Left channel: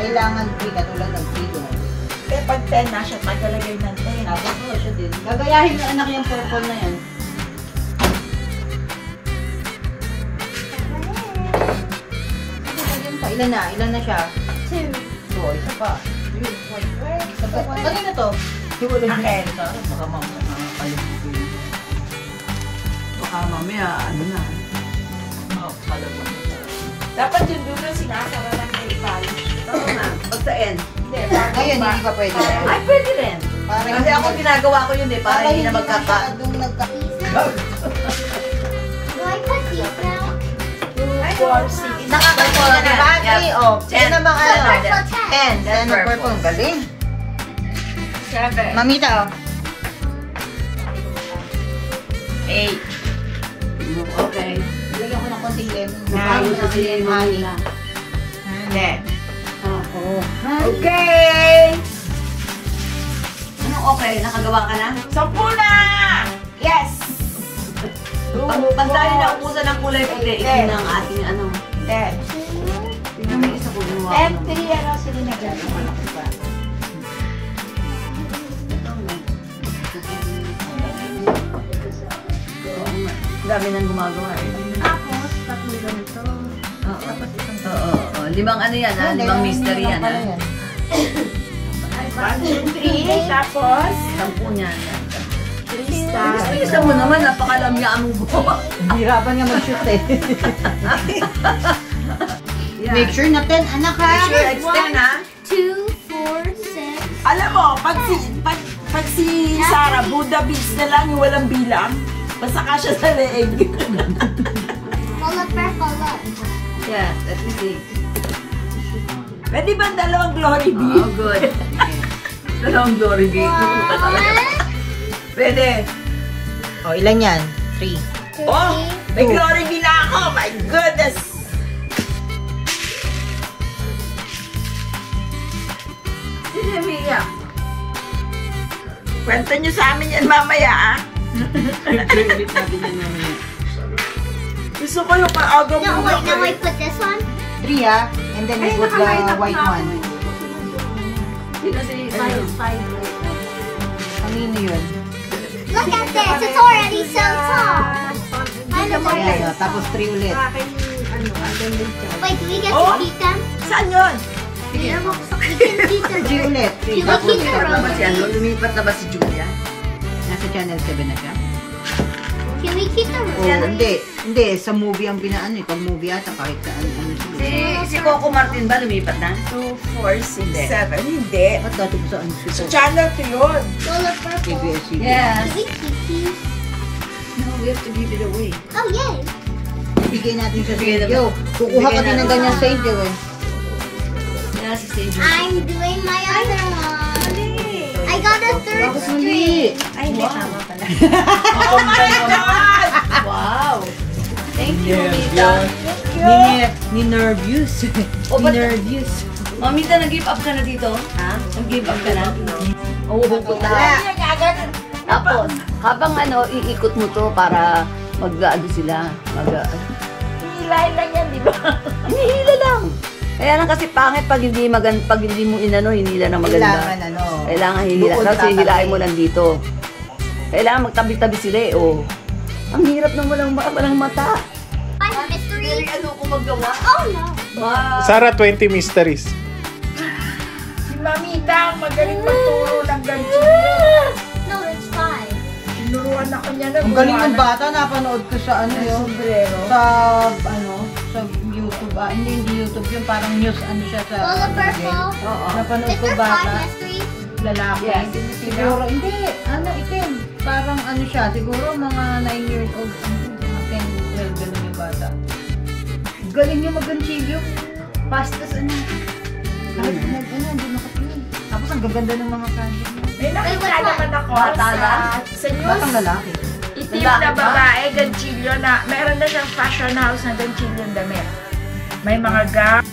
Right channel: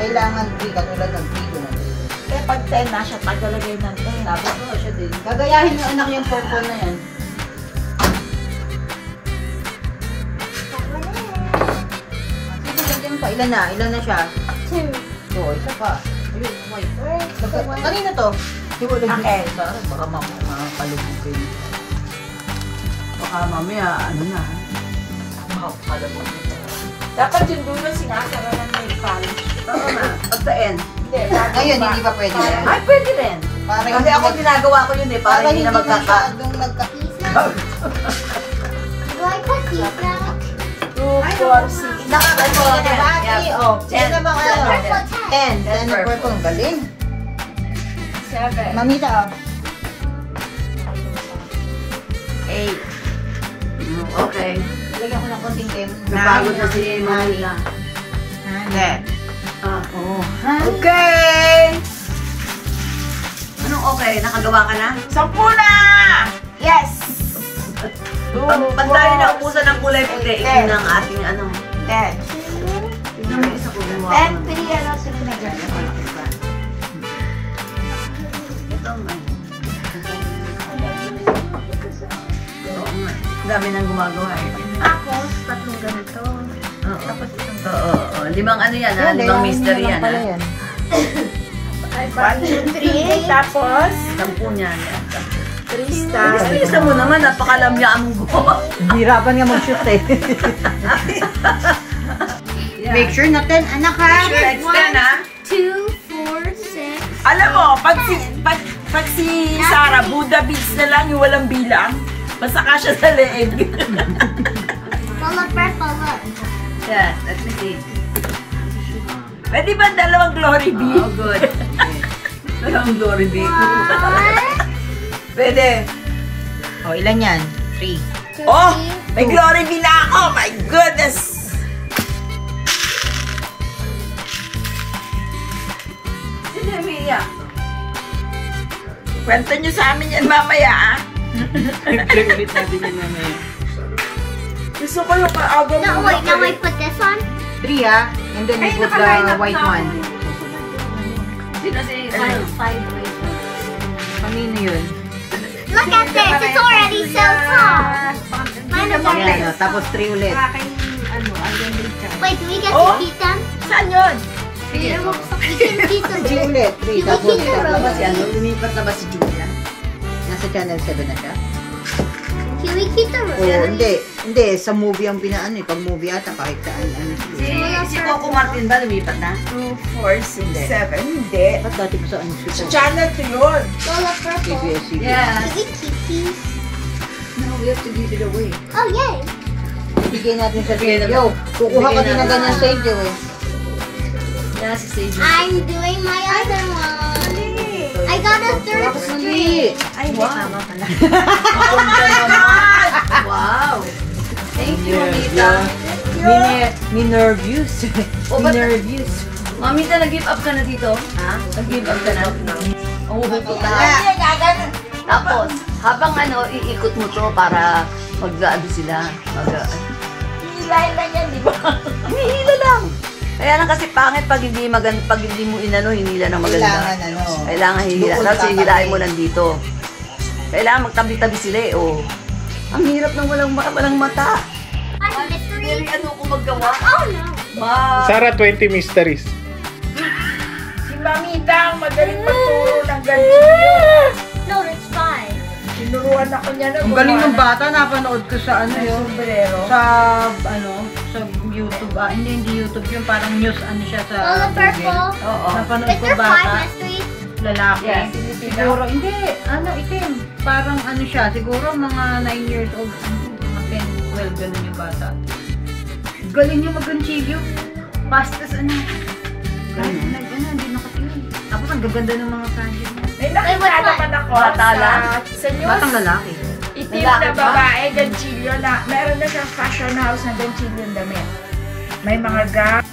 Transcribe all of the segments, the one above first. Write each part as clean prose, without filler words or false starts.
Kailangan 3 katulad ng 3. Kaya pag 10 na siya, paglalagay ng 10. Tapos po siya din. Gagayahin yung anak yung purple na yan. Ilan na? Ilan na siya? 2. So, isa pa. Ayun, wait. Kanina to? Okay. Baka mamaya kalabugin. Baka mamaya, ano na. Dapat yung dulo sinasara lang may polish. Oo nga. Pag sa end. Hindi. Ngayon, hindi pa pwede. Ay, pwede rin. Kasi ako ginagawa ko yun eh. Para hindi na magkaka... Do I put pizza? 2, 4, 6. Battery, oh. 10 na ba ka? Purple 10. 10 na purple. Galing. 7. Mamita, oh. 8. Okay. Lagyan ko ng konting lemon. Napagod na si Manila. Hindi. Ako. Okay! Anong okay? Nakagawa ka na? 10 na! Yes! Pag tayo na ubusan ng kulay puti, ito na ang ating ano. 10. Tingnan mo isa ko. 10, 3, ano, sino na dyan? Malaki pa. Ito nga. Oo nga. Dami nang gumagawa eh. Tapos, 3 ganito. Oo. 5 ano yan ha? 5 mystery yan ha? 1, 2, 3. Tapos, 10 niyan. 3 stars. Isa mo naman, napakalamyaan mong gumawa. Hirapan nga mag-shoot eh. Make sure na 10, anak ha? Sure, it's 10 ha? 2, 4, 6. Alam mo, pag si Sarah, Buddha beads na lang yung walang bilang, masaka siya sa leeg. Follow, follow. Yeah, let me see. Pwede ba 2 glory beads? Oh, good. Dalawang glory bead. Pwede. Oh, ilan yan? 3. Oh, may glory bead na ako! My goodness! Sino umiiyak? Kwento nyo sa amin yan mamaya, ah? Ulit natin yan mamaya. Gusto ko yung kaaga mo. No, wait, now I put this one. 3 ha? And then we put the white one. Sino si... Kanino yun? Look at this. It's already so tall. Kind of like Ayan, this. tapos 3 ulit. Wait, do we get Oh? to keep them? Saan yun? We can keep them. 3 ulit. 3. Tapos Keep the na ba rose. si ano? Lumipat na ba si Julia? Nasa channel 7 na siya? Can we keep the O rose? hindi. Hindi. Sa movie ang pinaano eh. Pag movie ata kahit saan. Si Coco Martin ba lumipat na? 2, 4, 6, 7. Hindi. Ba't dati ko saan Sa ito? channel 2 yun. Full of purple. CBS. Yes. Can we keep these? No, we have to give it away. Oh, yay. Bigyan natin sa Sergio. Kukuha ka din ng ganyan sa Sergio eh. Yeah, si Sage. I'm doing my other one. I got a third Bakit string. hindi? Ay, hindi. Tama pala. Wow! Thank you, Mamita. Ni-nervous. Oh, but- Ni-nervous. Mamita, nag-give up ka na dito? Ha? Nag-give up ka na? Oo, Wala. Tapos, habang ano, iikot mo to para mag-ano sila. Hilahin lang yan, di ba? Hinihila lang. Kaya lang kasi pangit pag hindi pag hindi mo inano, hinila na maganda. Kailangan ano. Kailangan hihila. Bukod Tapos tatabi. hihilain mo lang dito. Kailangan magtabi-tabi sila eh. Oh. Ang hirap ng walang mata. Five mysteries. Ano ko magawa? Oh, no. Sarah, 20 mysteries. Si Mamita, magaling magturo ng ganito. No, it's 5. Tinuruan ako niya na. Ang galing ng bata, napanood ko sa ano yun. sombrero. Sa ano, sa YouTube. Hindi YouTube yun, parang news ano siya sa Full of purple. Oo. Napanood Is ko there 5 bata, mysteries? lalaki. Yes. Siguro, hindi, ano, itim. Parang ano siya, siguro mga 9 years old, mga 10, 12, ganun yung bata. Galing yung mag-ganchilyo. Pastas, ano. Kahit hindi nakatingin. Tapos ang gaganda ng mga project niya. May nakita naman ako Bata lang? sa news. Batang lalaki. Itim na babae, ganchilyo na. Meron na siyang fashion house na ganchilyo damit. May mga gown.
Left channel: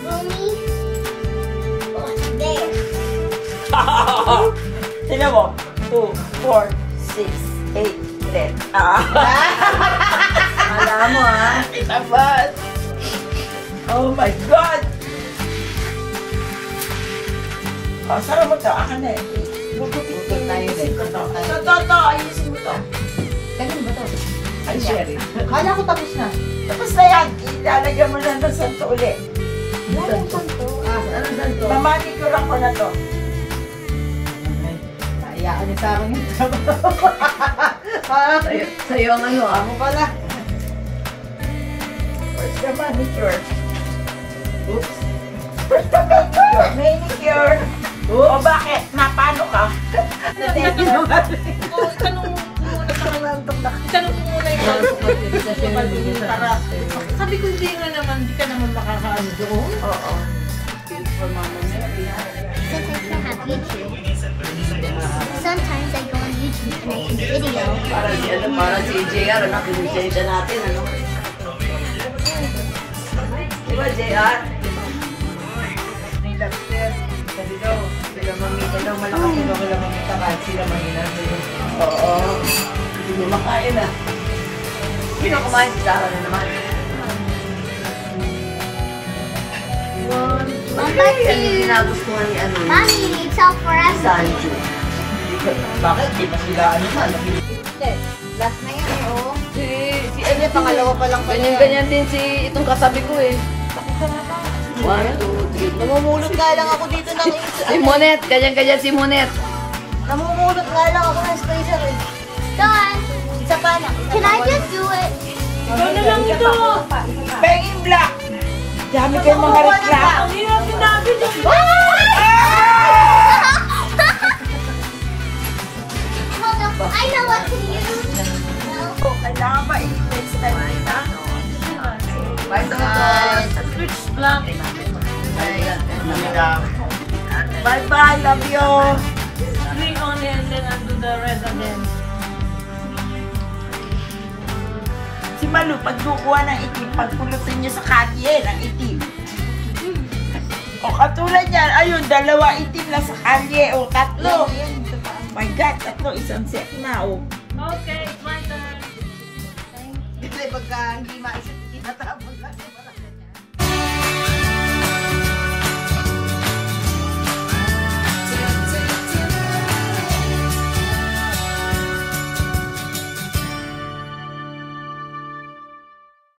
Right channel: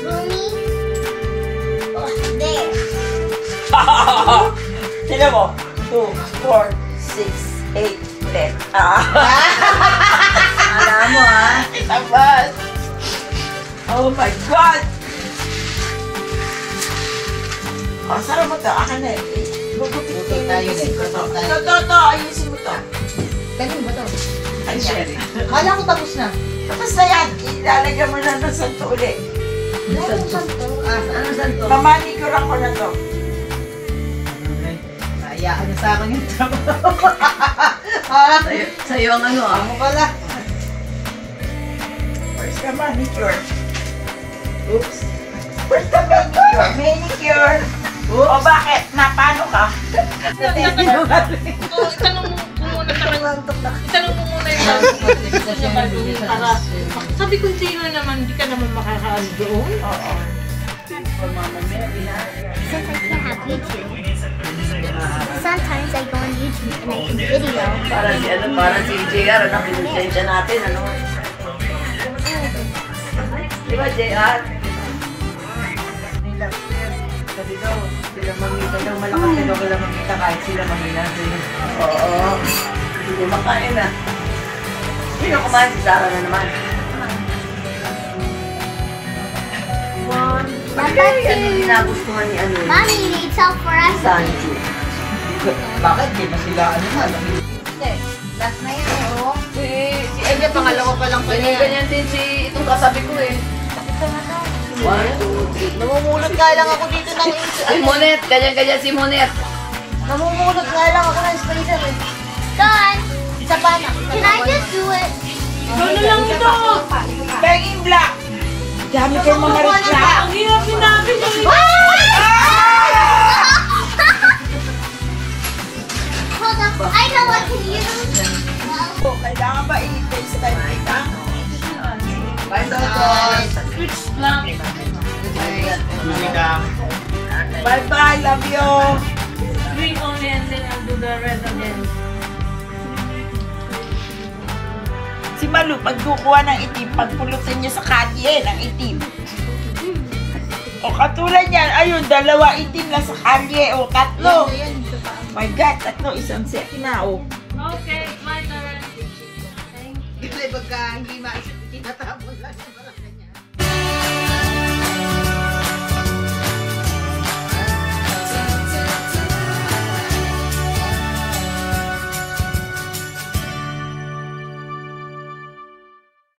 Mommy? Oh, there. Tignan mo. 2, 4, 6, 8, 10. Alam mo ah. tabas. Oh my God! Oh, sarap mo to. Akin na eh. Luto tayo din. Toto, ayusin mo to. Ganun ba to? Ay, Sherry. Kala ko tapos na. Tapos na yan. Ilalagyan mo na ng santo uli. Anong santo? Anong santo? Mamanikuran ko na to. Naiyaan niya sa akin yung trabaho. Sa'yo ang ano ah. Ako pala. Where's the manicure? Oops. Where's the manicure? Manicure. O bakit? Napano ka? Tanong mo muna sa kanya. Tanong mo muna yung para sabi ko sa'yo naman, di ka naman makakaano doon. Oo. For Mama Mary. Since I can't have YouTube, sometimes I go on YouTube and I can video. Para si JR, ano, pinusensya natin, ano. Di ba, JR? May lobster. Sabi daw, sila mamita daw malakas sila wala mamita kahit sila mahina sila. Oo. Hindi nyo makain ah. Sino kumain? Si Sarah na naman. Bakit yan yung ginagustuhan ni ano? Mommy, you need salt for us. Sancho. Bakit? Di ba sila ano man? Last na yan, oh. Si Ay, niya pangalawa pa lang Ganyan, ganyan din si itong kasabi ko eh. Namumulot nga lang ako dito ng Si Monet, ganyan-ganyan si Monet. namumulot nga lang ako ng sprayer eh. Guys, Isa pa na. can I just do it? Ikaw na lang ito. Begging Black. Dami kayong mga reklamo. Ang hirap sinabi niya. Hold up, I know what to use. Oh, kailangan ba i-fix ka dito? Bye, Toto. Switch blank. Bye-bye, love you. 3 on and then I'll do the rest again. Si Malu, pag kukuha ng itim, pagpulutin niyo sa kalye ng itim. O katulad yan, ayun, 2 itim lang sa kalye. O 3. My God, 3, isang set na. O. Okay, my turn. Kasi pagka hindi